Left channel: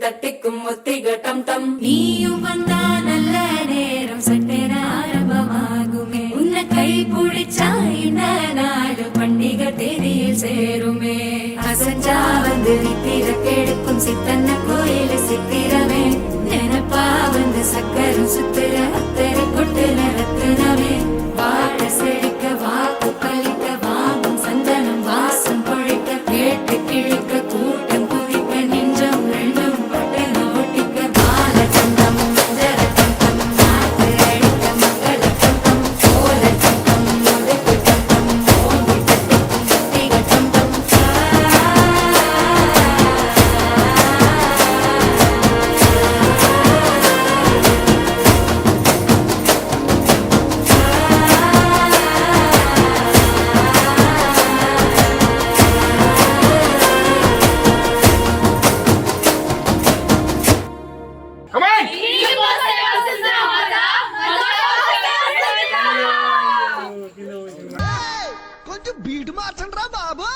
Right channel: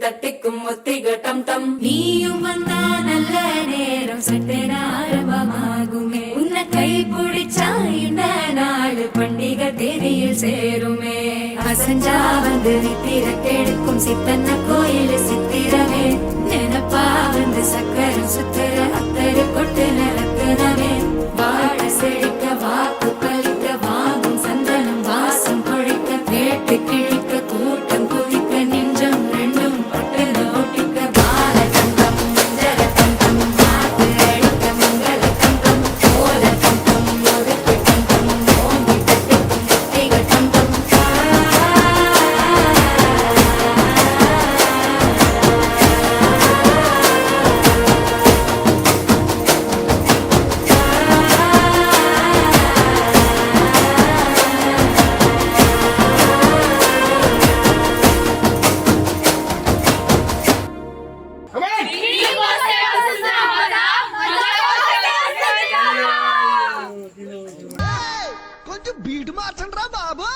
தட்டிக்கும் ஒத்திக டம் டம் நீயும் வந்தா நல்ல நேரம் சட்டென ஆரம்பமாகுமே உன்னை கை பிடிச்சா இந்த நாடு பண்டிகை தேதியில் சேருமே அசஞ்சா வந்து நித்திர கெடுக்கும் சித்தன்ன கோயில் சித்திரமே நினப்பா வந்து சக்கரம் சுத்துற அத்தரை கொட்டு நிறத்துனவே வாழ செழிக்க வாக்கு பலிக்க வாங்கும் சந்தனம் வாசம் பொழிக்க கேட்டு கிழிக்க கூட்டம் குதிக்க நெஞ்சம் ரெண்டும் பட்டு ஒட்டிக்க பால தந்தம் மஞ்சர தந்தம் நாட்டு அழிக்க மங்கள தந்தம் கோல தந்தம் முதுக்கு தந்தம் ஓங்கி தட்டிக்கும் முத்திக தந்தம் కొంచెం బీట్ మార్చండి రా బాబు.